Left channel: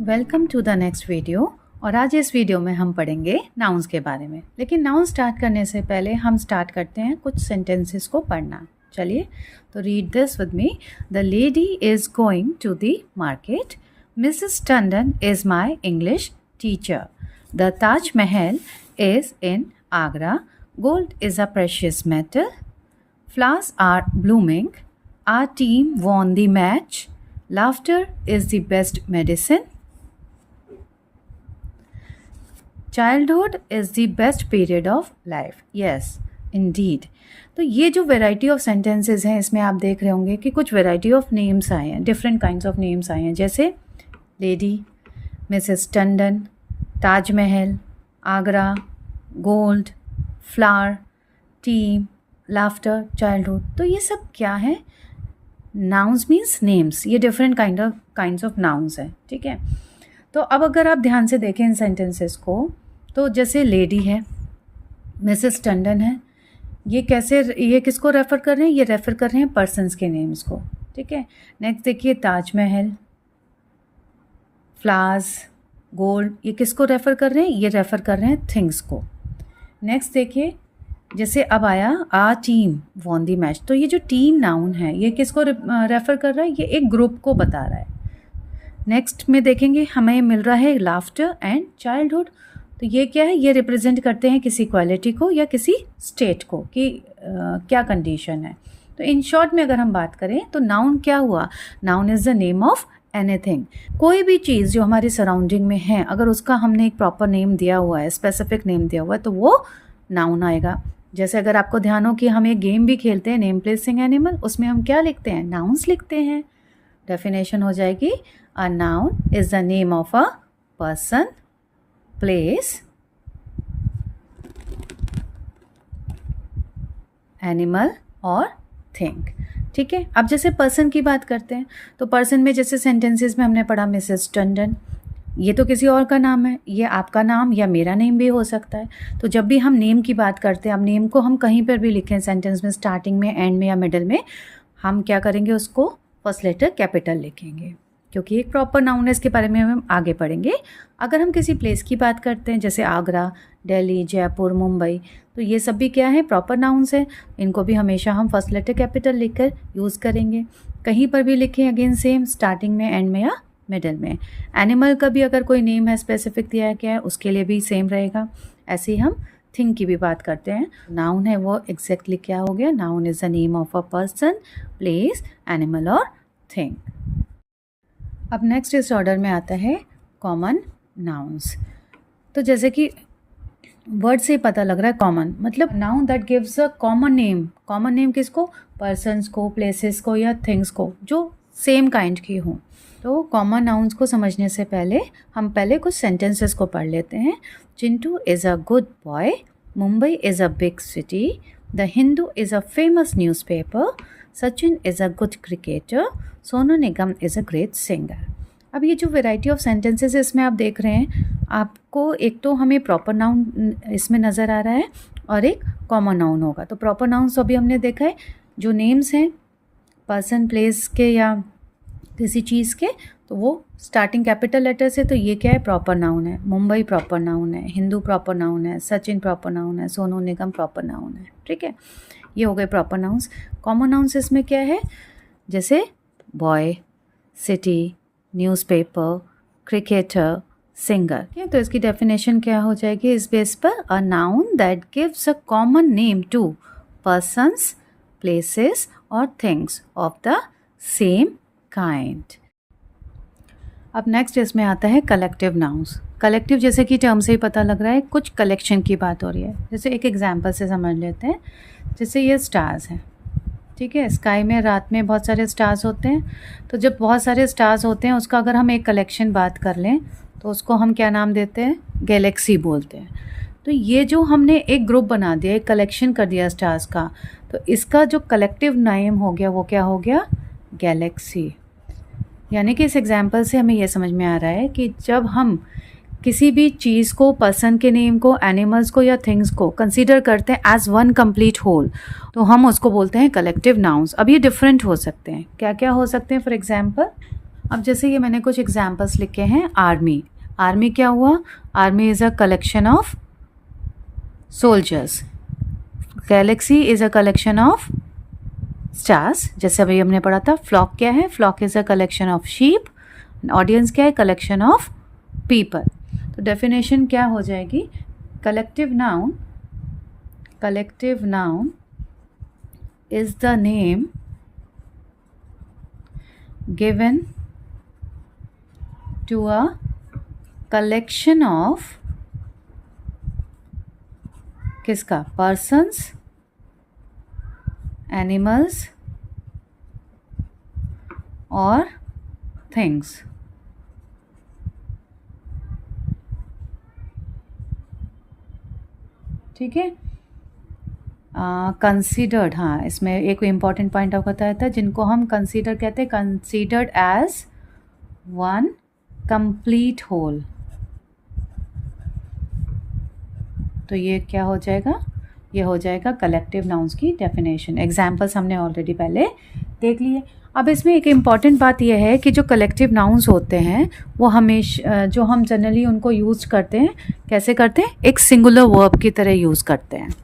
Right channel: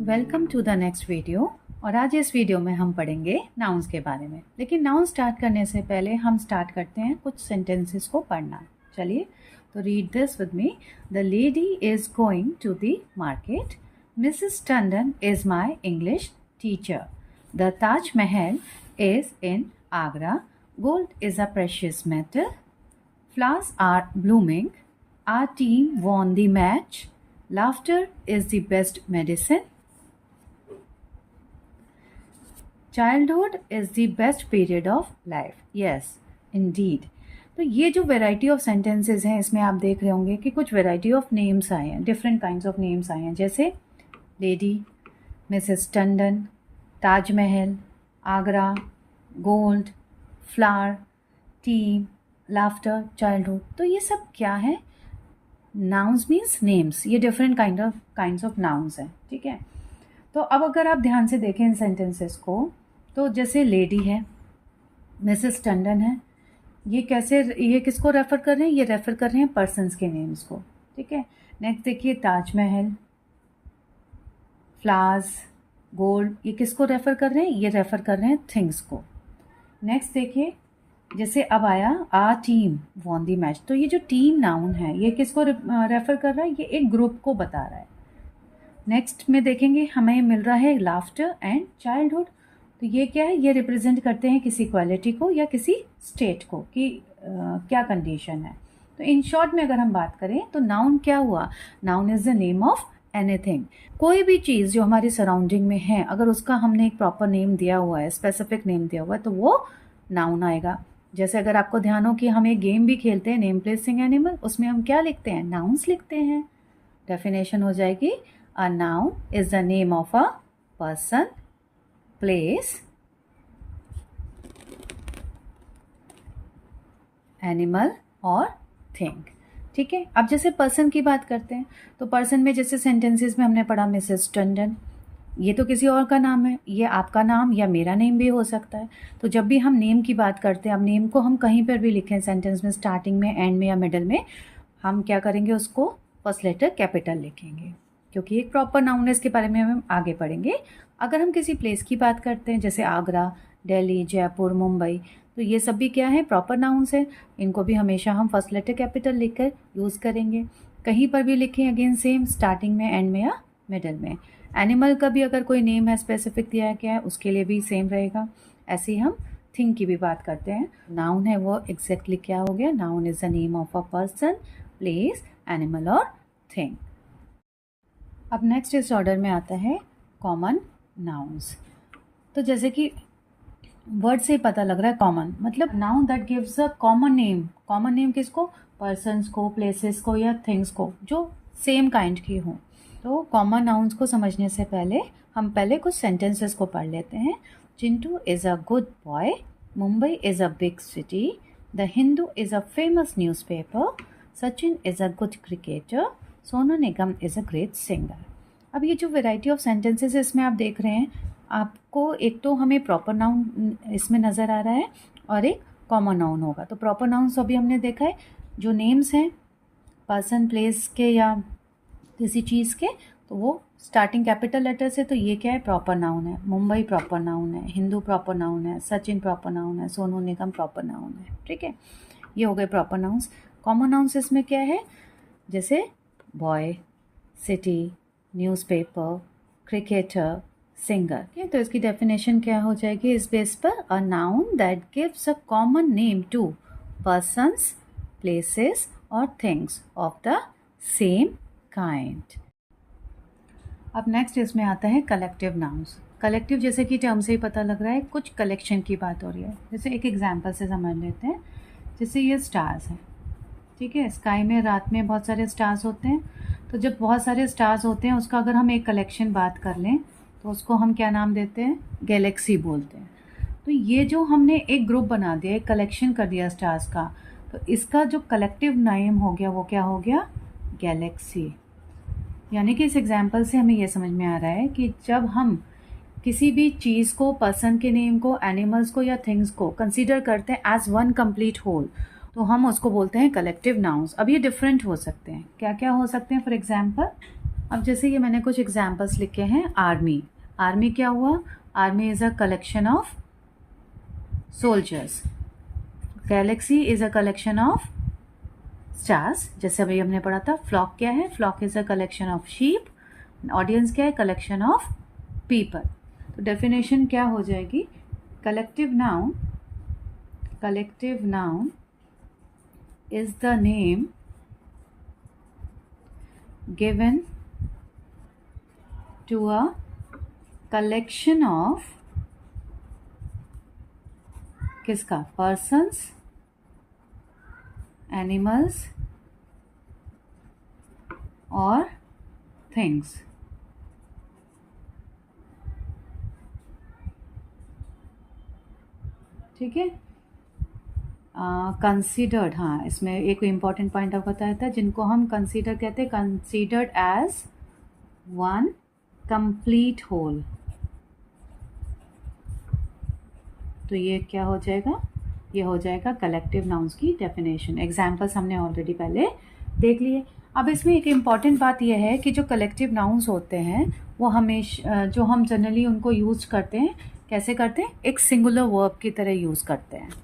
Welcome to the next video. और आज इस वीडियो में हम पढ़ेंगे नाउन्स के बारे में। लेकिन नाउन स्टार्ट करने से पहले हम स्टार्ट करते हैं कुछ सेंटेंसेस को पढ़ना। चलिए, तो read this with me. The lady is going to the market. Mrs Tandon is my English teacher. The Taj Mahal is in Agra. Gold is a precious metal. Flowers are blooming. Our team won the match. Laughter is the best medicine. Childhood is the best period of life. Yes, indeed. तो ये जो variety of sentences हैं, इसमें आप देख रहे होंगे कि कुछ वेराइटी ऑफ नेम्स आए हैं, डिफरेंट काइंड्स ऑफ नेम्स आए हैं, जैसे lady, Mrs Tandon, Taj Mahal, Agra, gold, flower, team, laughter, childhood. तो ये सब क्या है? Nouns means names. ये डिफरेंट काइंड्स ऑफ नाउन्स हैं, ठीक है। तो अब अगर आप ध्यान से देखें इन सेंटेंसेस को, तो जैसे लेडी है, मिसेस टंडन है, ये किसको रेफ़र कर रहे हैं? ये रेफ़र कर रहे हैं पर्सन्स के नेम्स को, ठीक है। नेक्स्ट देखिए ताजमहल, फ्लावर्स, गोल्ड, ये किसको रेफ़र कर रहे हैं? ये रेफ़र कर रहे हैं थिंग्स को। नेक्स्ट देखिए, जैसे अब आया आ टीम वॉन दी मैच। तो ये जो टीम नाउन है, ये किसको रेफ़र कर रहा है? ये एक ग्रुप को बता रहा है। नेक्स्ट में देखेंगे हमें मिल रहा है लाफ्टर एंड चाइल्डहुड। तो ये क्या है? ये रिप्रेजेंट करते हैं किसी क्वालिटी को या किसी स्टेट को कि क्या कंडीशन है। तो इन शॉर्ट में अगर हम बात करें तो नाउन क्या हुआ? Noun is the name of anything. कोई भी चीज़ जो हमारी सराउंडिंग में है, अगर उसका हमने एक प्रॉपर नेम दिया हुआ है, स्पेसिफिक नेम दिया हुआ है, तो वो नाउन आएगा। जैसे अगर आपको ध्यान हो कि हम एक गेम भी खेलते हैं, नेम प्लेसिंग एनिमल, उसमें हम क्या लिखते हैं? नाउन्स लिखते हैं। डेफिनेशन हो जाएगी, a noun is the name of a person, place, animal और थिंग, ठीक है। अब जैसे पर्सन की बात करते हैं, तो पर्सन में जैसे सेंटेंसेस में हमने पढ़ा मिसेस टंडन, ये तो किसी और का नाम है, ये आपका नाम या मेरा नेम भी हो सकता है। तो जब भी हम नेम की बात करते हैं, अब नेम को हम कहीं पर भी लिखें सेंटेंस में, स्टार्टिंग में, एंड में या मिडल में, हम क्या करेंगे? उसको फर्स्ट लेटर कैपिटल लिखेंगे, क्योंकि एक प्रॉपर नाउन है। इसके बारे में हम आगे पढ़ेंगे। अगर हम किसी प्लेस की बात करते हैं, जैसे आगरा, दिल्ली, जयपुर, मुंबई, तो ये सब भी क्या है? प्रॉपर नाउन्स हैं। इनको भी हमेशा हम फर्स्ट लेटर कैपिटल लिखकर यूज़ करेंगे। कहीं पर भी लिखें, अगेन सेम, स्टार्टिंग में, एंड में या मिडल में। एनिमल का भी अगर कोई नेम है स्पेसिफिक दिया गया है, उसके लिए भी सेम रहेगा। ऐसे ही हम थिंग की भी बात करते हैं। नाउन है वो एग्जैक्टली क्या हो गया? Noun is the name of a person, place, animal और थिंग। अब नेक्स्ट इस ऑर्डर में आता है कॉमन नाउन्स। तो जैसे कि वर्ड से ही पता लग रहा है कॉमन, मतलब noun that gives a common name. Common name किसको? पर्सन्स को, प्लेसेस को या थिंग्स को, जो सेम काइंड की हों। तो कॉमन नाउन्स को समझने से पहले हम कुछ सेंटेंसेस को पढ़ लेते हैं। Chintu is a good boy. Mumbai is a big city. The Hindu is a famous newspaper. Sachin is a good cricketer. Sonu Nigam is a great singer. अब ये जो वैरायटी ऑफ सेंटेंसेस है, इसमें आप देख रहे हैं, आपको एक तो हमें प्रॉपर नाउन इसमें नज़र आ रहा है और एक कॉमन नाउन होगा। तो प्रॉपर नाउन्स अभी हमने देखा है, जो नेम्स हैं पर्सन, प्लेस के या किसी चीज़ के, तो वो स्टार्टिंग कैपिटल लेटर से, तो ये क्या है? प्रॉपर नाउन है। मुंबई प्रॉपर नाउन है, हिंदू प्रॉपर नाउन है, सचिन प्रॉपर नाउन है, सोनू निगम प्रॉपर नाउन है, ठीक है। ये हो गए प्रॉपर नाउन्स। कॉमन नाउन्स इसमें क्या है? जैसे boy, city, newspaper, cricketer, singer. ठीक है, तो इसकी डेफिनेशन क्या हो जाएगी इस बेस पर? A noun that gives a common name to persons, places और things of the same kind. अब नेक्स्ट इसमें आता है कलेक्टिव नाउन्स। कलेक्टिव जैसे कि टर्म से ही पता लग रहा है, कुछ कलेक्शन की बात हो रही है। जैसे एक एग्जांपल से समझ लेते हैं। जैसे ये स्टार्स हैं, ठीक है। स्काई में रात में बहुत सारे स्टार्स होते हैं। तो जब बहुत सारे स्टार्स होते हैं, उसका अगर हम एक कलेक्शन बात कर लें, तो उसको हम क्या नाम देते हैं? गैलेक्सी बोलते हैं। तो ये जो हमने एक ग्रुप बना दिया, एक कलेक्शन कर दिया स्टार्स का, तो इसका जो कलेक्टिव नेम हो गया वो क्या हो गया? गैलेक्सी। यानी कि इस एग्जाम्पल से हमें यह समझ में आ रहा है कि जब हम किसी भी चीज़ को, पर्सन के नेम को, एनिमल्स को या थिंग्स को कंसीडर करते हैं एज वन कंप्लीट होल, तो हम उसको बोलते हैं कलेक्टिव नाउन्स। अब ये डिफरेंट हो सकते हैं, क्या क्या हो सकते हैं? फॉर एग्जाम्पल, अब जैसे ये मैंने कुछ एग्जाम्पल्स लिखे हैं। आर्मी, आर्मी क्या हुआ? Army is a collection of soldiers. Galaxy is a collection of stars, जैसे अभी हमने पढ़ा था। फ्लॉक क्या है? Flock is a collection of sheep. Audience क्या है? Collection of people. तो डेफिनेशन क्या हो जाएगी? Collective noun, collective noun is the name given to a collection of किसका? persons, animals or things। ठीक है। कंसीडर्ड, हाँ, इसमें एक इम्पॉर्टेंट पॉइंट आपको बताया था, जिनको हम कंसीडर कहते हैं, considered as one complete whole. तो ये क्या हो जाएगा? ये हो जाएगा कलेक्टिव नाउन्स की डेफिनेशन। एग्जाम्पल्स हमने ऑलरेडी पहले देख लिए। अब इसमें एक इम्पॉर्टेंट बात यह है कि जो कलेक्टिव नाउन्स होते हैं वो हमेशा, जो हम जनरली उनको यूज करते हैं, कैसे करते हैं? एक सिंगुलर वर्ब की तरह यूज़ करते हैं।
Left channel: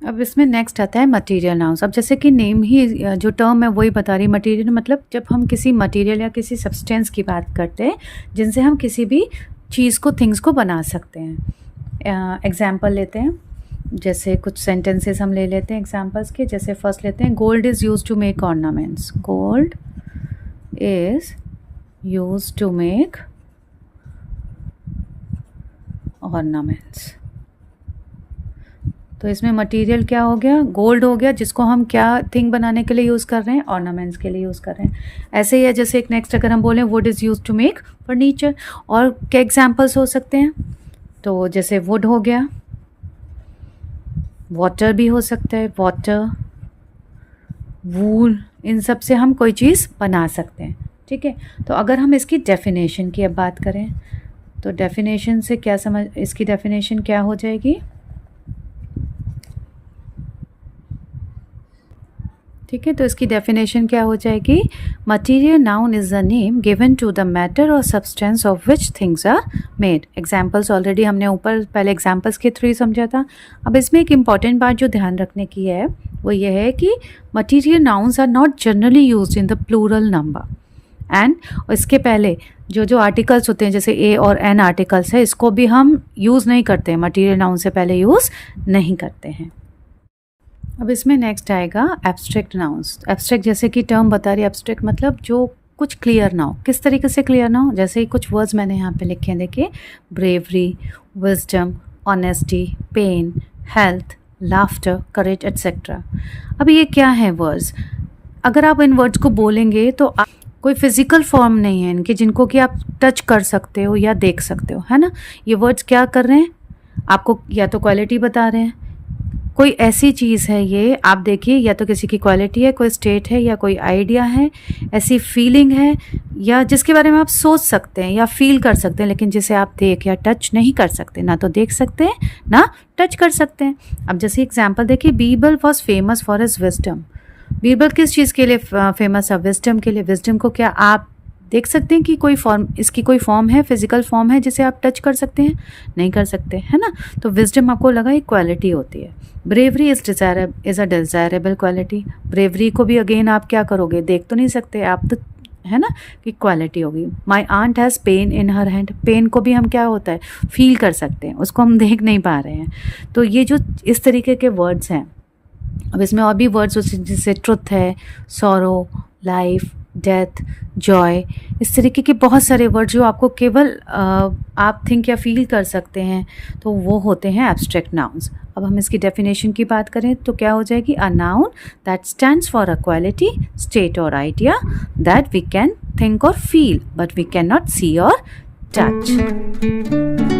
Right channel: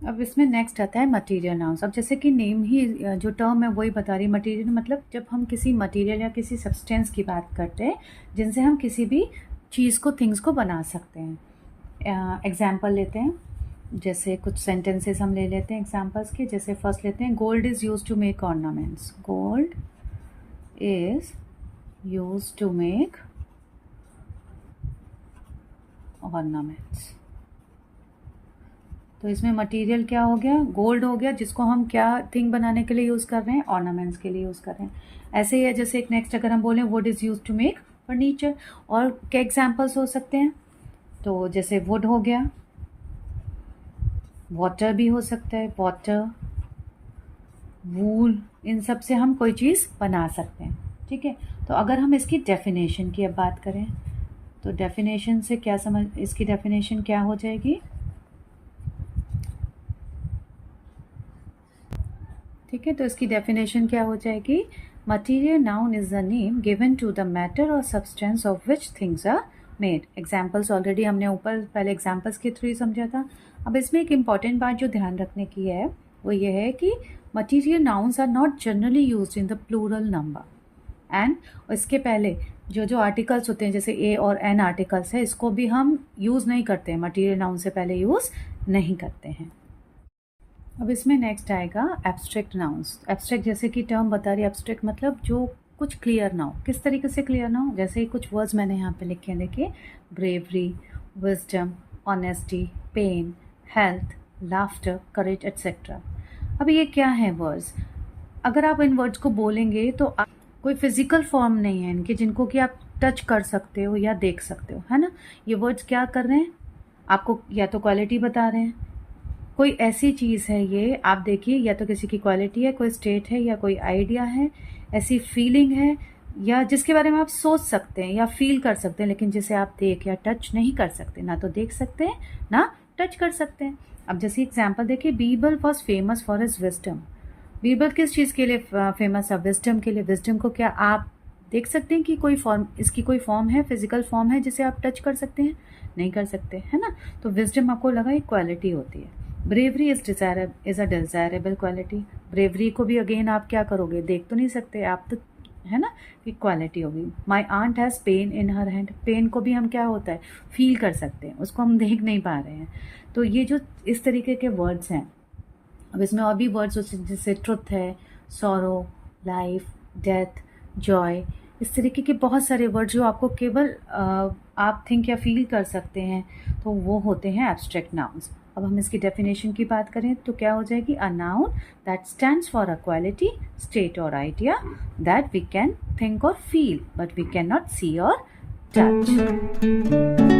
अब इसमें नेक्स्ट आता है मटेरियल नाउन्स। अब जैसे कि नेम ही जो टर्म है वही बता रही है। मटेरियल मतलब जब हम किसी मटेरियल या किसी सब्सटेंस की बात करते हैं जिनसे हम किसी भी चीज़ को, थिंग्स को बना सकते हैं। एग्जाम्पल लेते हैं, जैसे कुछ सेंटेंसेस हम ले लेते हैं एग्जाम्पल्स के। जैसे फर्स्ट लेते हैं, gold is use to make ornaments. Gold is use to make ornaments. तो इसमें मटेरियल क्या हो गया? गोल्ड हो गया, जिसको हम क्या थिंग बनाने के लिए यूज़ कर रहे हैं? ऑर्नामेंट्स के लिए यूज़ कर रहे हैं। ऐसे ही है, जैसे एक नेक्स्ट अगर हम बोलें, wood is use to make furniture. और क्या एग्जाम्पल्स हो सकते हैं? तो जैसे वुड हो गया, वाटर भी हो सकता है, वाटर, वूल, इन सब से हम कोई चीज़ बना सकते हैं। ठीक है। तो अगर हम इसकी डेफिनेशन की अब बात करें तो डेफिनेशन से क्या समझ, इसकी डेफिनेशन क्या हो जाएगी? ठीक है। तो इसकी डेफिनेशन क्या हो जाएगी? Material noun is the name given to the matter और substance of which things are made. Examples already हमने ऊपर पहले एग्जाम्पल्स के थ्रू ही समझा था। अब इसमें एक इम्पॉर्टेंट बात जो ध्यान रखने की है वो ये है कि material nouns are not generally use in the plural number. And इसके पहले जो जो आर्टिकल्स होते हैं, जैसे ए और एन आर्टिकल्स है, इसको भी हम यूज़ नहीं करते हैं, मटीरियल नाउन से पहले यूज़ नहीं करते हैं। अब इसमें नेक्स्ट आएगा एब्स्ट्रैक्ट नाउन्स। एब्स्ट्रैक्ट जैसे कि टर्म बता रही है, एब्स्ट्रैक्ट मतलब जो कुछ क्लियर ना हो। किस तरीके से क्लियर ना हो? जैसे कुछ वर्ड्स मैंने यहाँ पे लिखे हैं, देखिए, bravery, wisdom, honesty, pain, health, laughter, courage, etcetera. अब ये क्या है वर्ड्स? अगर आप इन वर्ड्स को बोलेंगे तो कोई फिजिकल फॉर्म नहीं है इनके जिनको कि आप टच कर सकते हो या देख सकते हो, है ना। ये वर्ड्स क्या कर रहे हैं? आपको या तो क्वालिटी बता रहे हैं, कोई ऐसी चीज़ है ये, आप देखिए, या तो किसी की क्वालिटी है, कोई स्टेट है, या कोई आइडिया है, ऐसी फीलिंग है, या जिसके बारे में आप सोच सकते हैं या फील कर सकते हैं, लेकिन जिसे आप देख या टच नहीं कर सकते, ना तो देख सकते हैं ना टच कर सकते हैं। अब जैसे एग्जाम्पल देखिए, Birbal was famous for his wisdom. Birbal किस चीज़ के लिए फेमस है? विजडम के लिए। विजडम को क्या आप देख सकते हैं कि कोई फॉर्म, इसकी कोई फॉर्म है, फिजिकल फॉर्म है जिसे आप टच कर सकते हैं? नहीं कर सकते, है ना। तो विजडम आपको लगा एक क्वालिटी होती है। Bravery is a desirable quality. Bravery को भी अगेन आप क्या करोगे? देख तो नहीं सकते आप, तो है ना कि क्वालिटी होगी। My aunt has pen in her hand. Pen को भी हम क्या होता है? फील कर सकते हैं, उसको हम देख नहीं पा रहे हैं। तो ये जो इस तरीके के वर्ड्स हैं। अब इसमें और भी वर्ड्स जैसे ट्रुथ है, सॉरो, लाइफ, डेथ, जॉय, इस तरीके के बहुत सारे वर्ड जो आपको केवल आप थिंक या फील कर सकते हैं, तो वो होते हैं एब्स्ट्रैक्ट नाउन्स। अब हम इसकी डेफिनेशन की बात करें तो क्या हो जाएगी? A noun that stands for a quality, state और idea that we can think और feel but we can not see और टच।